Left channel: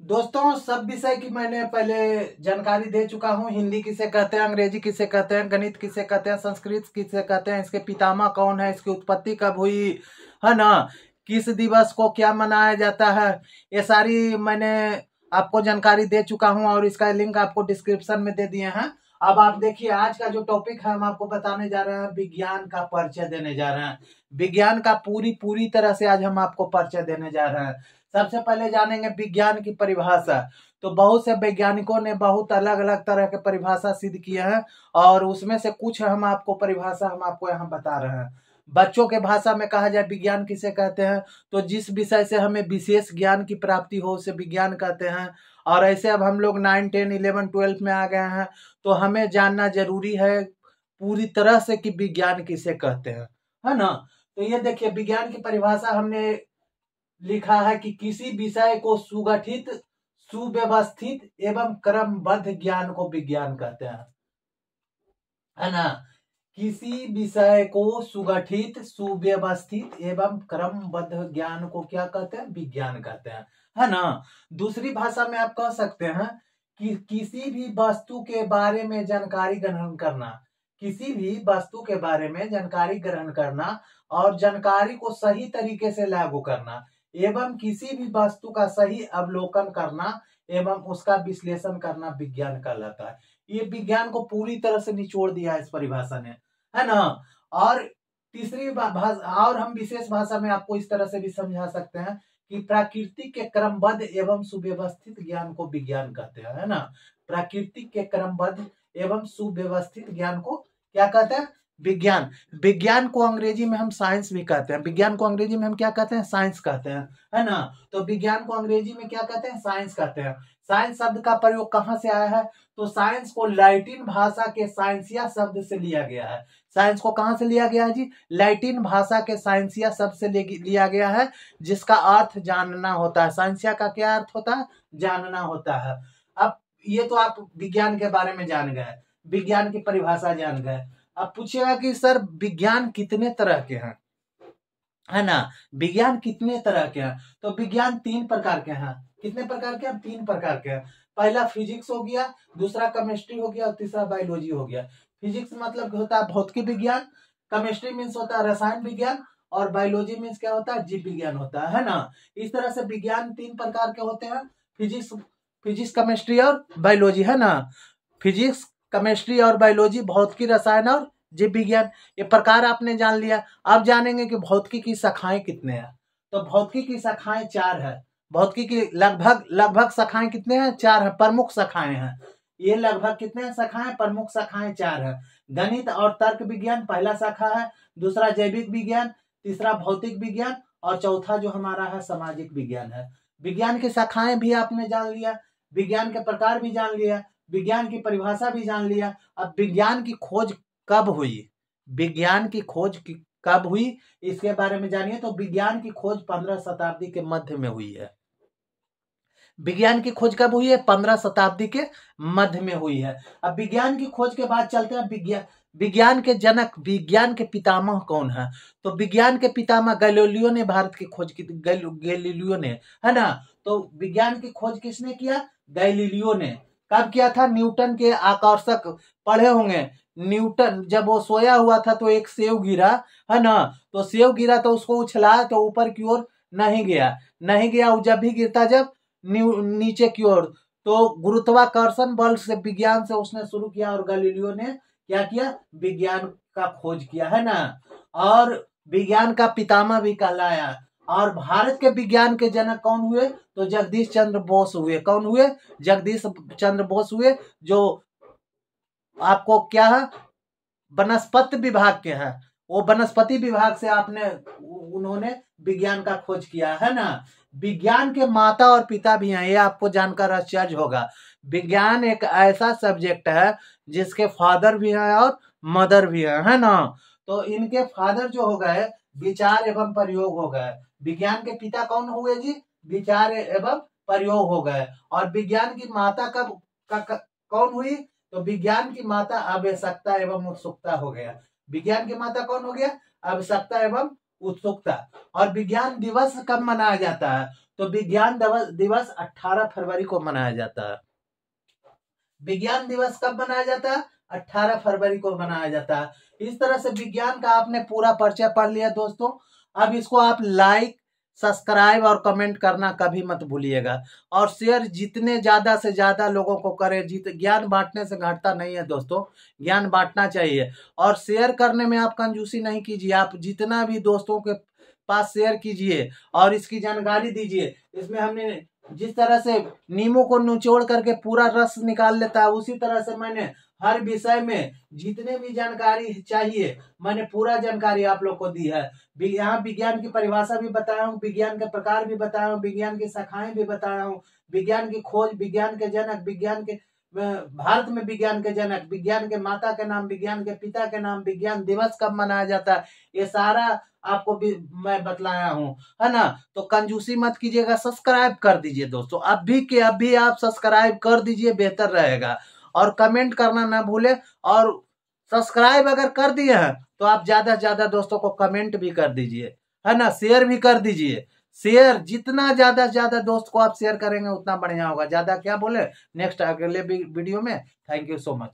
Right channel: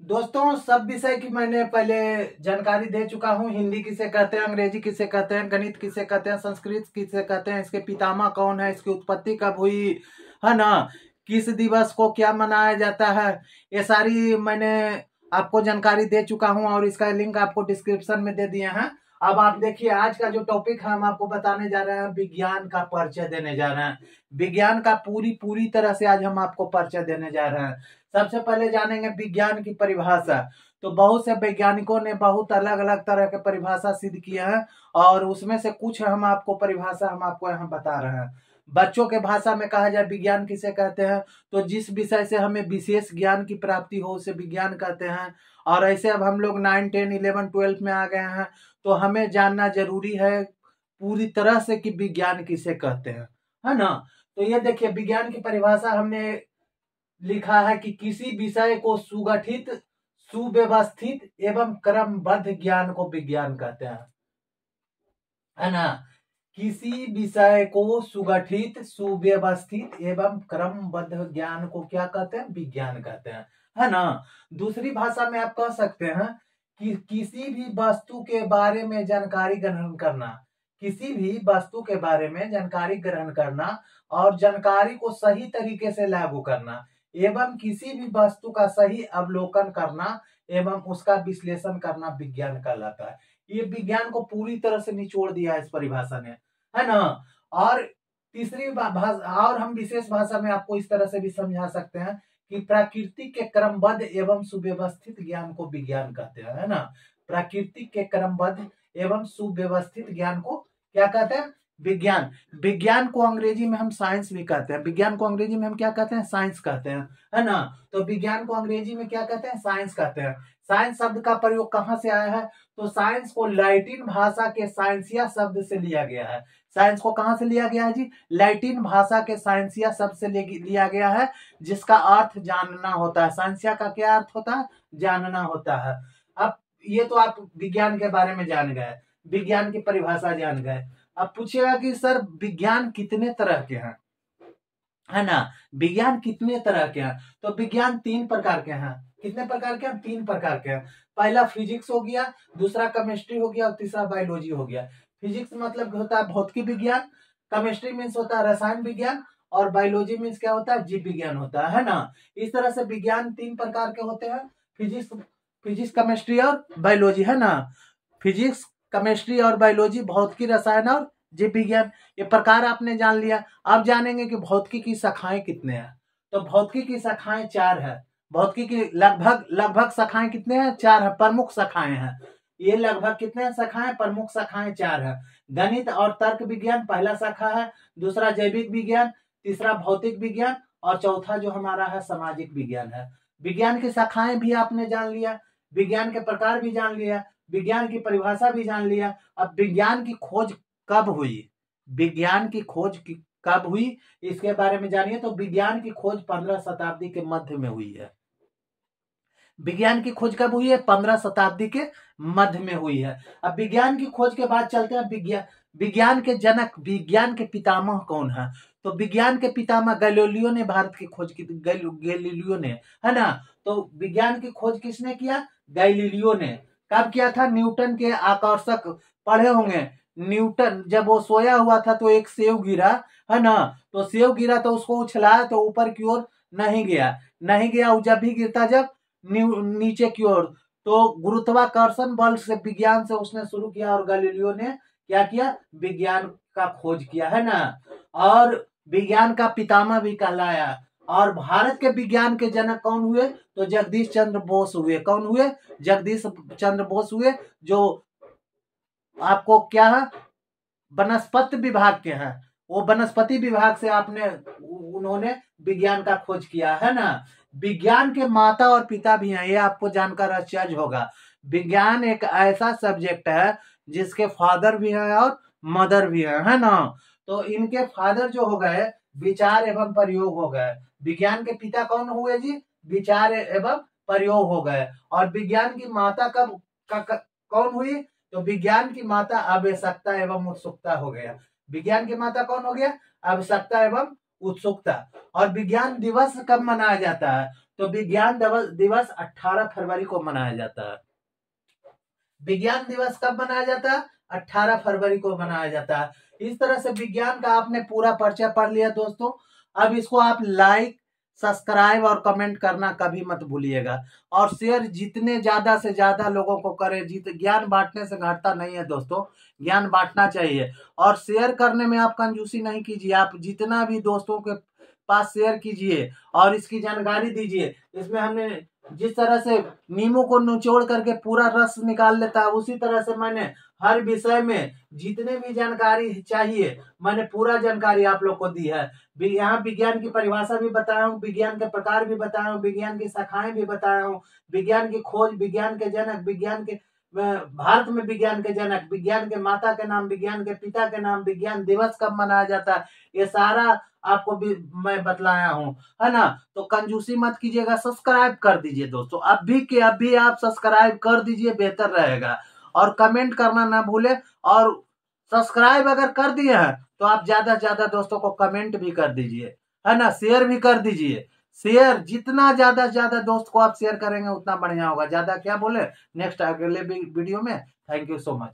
दोस्तों, सब विषय की मैंने पहले जानकारी दे चुका हूँ। हिंदी किसे कहते हैं, अंग्रेजी किसे कहते हैं, गणित किसे कहते हैं, संस्कृत किसे कहते हैं, इसके पितामह कौन है, इसकी उत्पत्ति कब हुई है ना, किस दिवस को क्या मनाया जाता है, ये सारी मैंने आपको जानकारी दे चुका हूँ और इसका लिंक आपको डिस्क्रिप्शन में दे दिए हैं। अब आप देखिए, आज का जो टॉपिक है हम आपको बताने जा रहे हैं, विज्ञान का परिचय देने जा रहे हैं। विज्ञान का पूरी पूरी तरह से आज हम आपको परिचय देने जा रहे हैं। सबसे पहले जानेंगे विज्ञान की परिभाषा। तो बहुत से वैज्ञानिकों ने बहुत अलग अलग तरह के परिभाषा सिद्ध किए हैं और उसमें से कुछ हम आपको परिभाषा हम आपको यहाँ बता रहे हैं। बच्चों के भाषा में कहा जाए विज्ञान किसे कहते हैं, तो जिस विषय से हमें विशेष ज्ञान की प्राप्ति हो उसे विज्ञान कहते हैं। और ऐसे अब हम लोग 9, 10, 11, 12 में आ गए हैं, तो हमें जानना जरूरी है पूरी तरह से कि विज्ञान किसे कहते हैं, है ना। तो ये देखिए, विज्ञान की परिभाषा हमने लिखा है कि किसी विषय को सुगठित, सुव्यवस्थित एवं क्रमबद्ध ज्ञान को विज्ञान कहते हैं, है ना। किसी विषय को सुगठित, सुव्यवस्थित एवं क्रमबद्ध ज्ञान को क्या कहते हैं, विज्ञान कहते हैं, है ना। दूसरी भाषा में आप कह सकते हैं कि किसी भी वस्तु के बारे में जानकारी ग्रहण करना, किसी भी वस्तु के बारे में जानकारी ग्रहण करना और जानकारी को सही तरीके से लागू करना एवं किसी भी वस्तु का सही अवलोकन करना एवं उसका विश्लेषण करना विज्ञान कहलाता है। ये विज्ञान को पूरी तरह से निचोड़ दिया है इस परिभाषा ने, है ना। और तीसरी भाषा, और हम विशेष भाषा में आपको इस तरह से भी समझा सकते हैं कि प्राकृतिक के क्रमबद्ध एवं सुव्यवस्थित ज्ञान को विज्ञान कहते हैं, है ना। प्राकृतिक के क्रमबद्ध एवं सुव्यवस्थित ज्ञान को क्या कहते हैं, विज्ञान। विज्ञान को अंग्रेजी में हम साइंस भी कहते हैं। विज्ञान को अंग्रेजी में हम क्या कहते हैं, साइंस कहते हैं, है ना। तो विज्ञान को अंग्रेजी में क्या कहते हैं, साइंस कहते हैं। साइंस शब्द का प्रयोग कहाँ से आया है, तो साइंस को लैटिन भाषा के साइंसिया शब्द से लिया गया है। साइंस को कहां से लिया गया है जी, लैटिन भाषा के साइंसिया शब्द से लिया गया है, जिसका अर्थ जानना होता है। साइंसिया का क्या अर्थ होता है, जानना होता है। अब ये तो आप विज्ञान के बारे में जान गए, विज्ञान की परिभाषा जान गए। अब पूछेगा कि सर विज्ञान कितने तरह के हैं, है ना। विज्ञान कितने तरह के हैं, तो विज्ञान 3 प्रकार के हैं। कितने प्रकार के हैं, 3 प्रकार के हैं। पहला फिजिक्स हो गया, दूसरा केमिस्ट्री हो गया और तीसरा बायोलॉजी हो गया। फिजिक्स मतलब होता है भौतिकी विज्ञान, केमिस्ट्री मीन्स होता है रसायन विज्ञान और बायोलॉजी मीन्स क्या होता है, जीव विज्ञान होता है ना। इस तरह से विज्ञान 3 प्रकार के होते हैं, फिजिक्स फिजिक्स केमिस्ट्री और बायोलॉजी, है ना। फिजिक्स, केमिस्ट्री और बायोलॉजी, भौतिकी, रसायन और जीव विज्ञान, ये प्रकार आपने जान लिया। अब जानेंगे कि भौतिकी की शाखाएं कितने हैं। तो भौतिकी की शाखाएं 4 है। भौतिकी की लगभग लगभग शाखाएं कितने हैं, 4 है, प्रमुख शाखाएं हैं। ये लगभग कितने हैं शाखाएं, प्रमुख शाखाएं 4 है। गणित और तर्क विज्ञान पहला शाखा है, दूसरा जैविक विज्ञान, तीसरा भौतिक विज्ञान और चौथा जो हमारा है सामाजिक विज्ञान है। विज्ञान की शाखाएं भी आपने जान लिया, विज्ञान के प्रकार भी जान लिया, विज्ञान की परिभाषा भी जान लिया। अब विज्ञान की खोज कब हुई, विज्ञान की खोज कब हुई इसके बारे में जानिए। तो विज्ञान की खोज 15 शताब्दी के मध्य में हुई है। विज्ञान की खोज कब हुई है, 15 शताब्दी के मध्य में हुई है। अब विज्ञान की खोज के बाद चलते हैं विज्ञान के जनक, विज्ञान के पितामह कौन है। तो विज्ञान के पितामह गैलीलियो ने भारत की खोज की, गैलीलियो ने, है ना। तो विज्ञान की खोज किसने किया, गैलीलियो ने। कब किया था, न्यूटन के आकर्षक, पढ़े होंगे, न्यूटन जब वो सोया हुआ था तो एक सेव गिरा, है ना। तो सेव गिरा तो उसको उछलाया तो ऊपर की ओर नहीं गया, नहीं गया। वो जब भी गिरता जब नीचे की ओर, तो गुरुत्वाकर्षण बल से विज्ञान से उसने शुरू किया और गैलीलियो ने क्या किया, विज्ञान का खोज किया, है ना। और विज्ञान का पितामह भी कहलाया। और भारत के विज्ञान के जनक कौन हुए, तो जगदीश चंद्र बोस हुए। कौन हुए, जगदीश चंद्र बोस हुए, जो आपको क्या है, वनस्पति विभाग के हैं। वो वनस्पति विभाग से आपने, उन्होंने विज्ञान का खोज किया, है ना। विज्ञान के माता और पिता भी हैं, ये आपको जानकर आश्चर्य होगा। विज्ञान एक ऐसा सब्जेक्ट है जिसके फादर भी हैं और मदर भी है ना। तो इनके फादर जो हो गए, विचार एवं प्रयोग हो गए। विज्ञान के पिता कौन हुए जी, विचार एवं प्रयोग हो गए। और विज्ञान की माता कौन हुई, तो विज्ञान की माता आवश्यकता एवं उत्सुकता हो गया। विज्ञान की माता कौन हो गया, आवश्यकता एवं उत्सुकता। और विज्ञान दिवस कब मनाया जाता है, तो विज्ञान दिवस 18 फरवरी को मनाया जाता है। विज्ञान दिवस कब मनाया जाता है? 18 फरवरी को मनाया जाता है। इस तरह से विज्ञान का आपने पूरा परिचय पढ़ लिया दोस्तों। अब इसको आप लाइक, सब्सक्राइब और कमेंट करना कभी मत भूलिएगा, और शेयर जितने ज्यादा से ज्यादा लोगों को करें। ज्ञान बांटने से घटता नहीं है दोस्तों, ज्ञान बांटना चाहिए। और शेयर करने में आप कंजूसी नहीं कीजिए, आप जितना भी दोस्तों के पास शेयर कीजिए और इसकी जानकारी दीजिए। इसमें हमने जिस तरह से नींबू को निचोड़ करके पूरा रस निकाल लेता है, उसी तरह से मैंने हर विषय में जितने भी जानकारी चाहिए मैंने पूरा जानकारी आप लोग को दी है। यहाँ विज्ञान की परिभाषा भी बताया हूँ, विज्ञान के प्रकार भी बताया हूँ, विज्ञान की शाखाएं भी बताया हूँ, विज्ञान की खोज, विज्ञान के जनक, विज्ञान के भारत में विज्ञान के जनक, विज्ञान के माता के नाम, विज्ञान के पिता के नाम, विज्ञान दिवस कब मनाया जाता है, ये सारा आपको भी मैं बतलाया हूँ, है ना। तो कंजूसी मत कीजिएगा, सब्सक्राइब कर दीजिए दोस्तों, अभी के अभी आप सब्सक्राइब कर दीजिए, बेहतर रहेगा। और कमेंट करना ना भूले, और सब्सक्राइब अगर कर दिए हैं तो आप ज्यादा से ज्यादा दोस्तों को कमेंट भी कर दीजिए, है ना, शेयर भी कर दीजिए। शेयर जितना ज्यादा से ज्यादा दोस्त को आप शेयर करेंगे उतना बढ़िया होगा। ज्यादा क्या बोले, नेक्स्ट अगले वीडियो में। Thank you so much.